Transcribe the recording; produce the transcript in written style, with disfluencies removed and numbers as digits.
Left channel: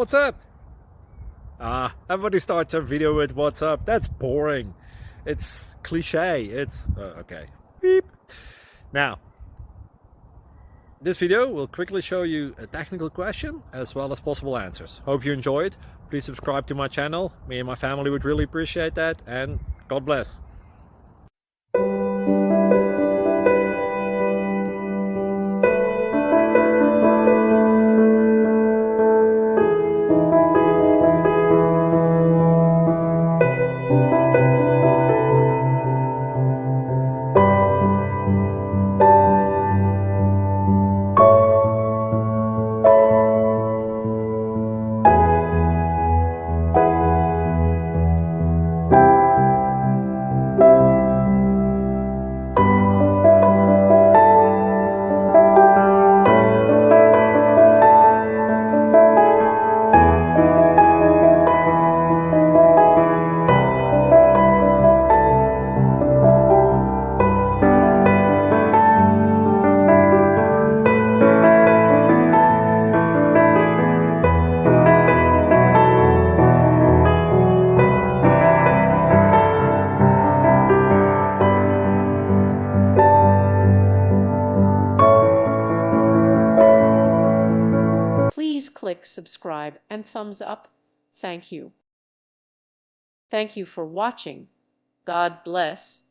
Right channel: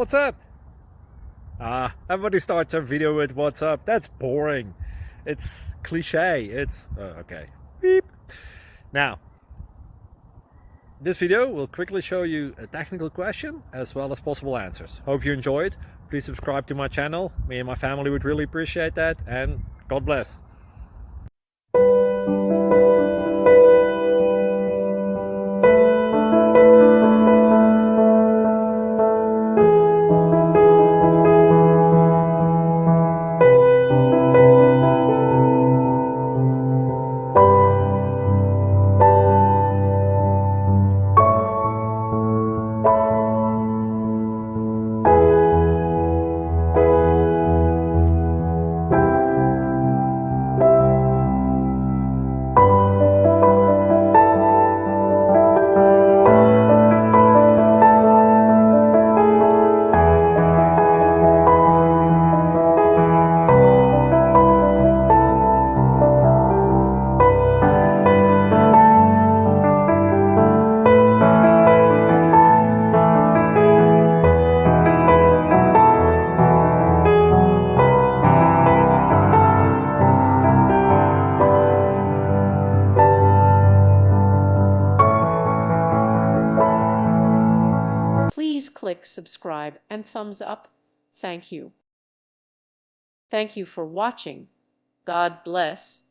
What's up? Everybody starts a video with what's up. That's boring. It's cliche. It's okay. Beep. Now, this video will quickly show you a technical question as well as possible answers. Hope you enjoy it. Please subscribe to my channel. Me and my family would really appreciate that, and God bless. Please click subscribe and thumbs up. Thank you. Thank you for watching. God bless.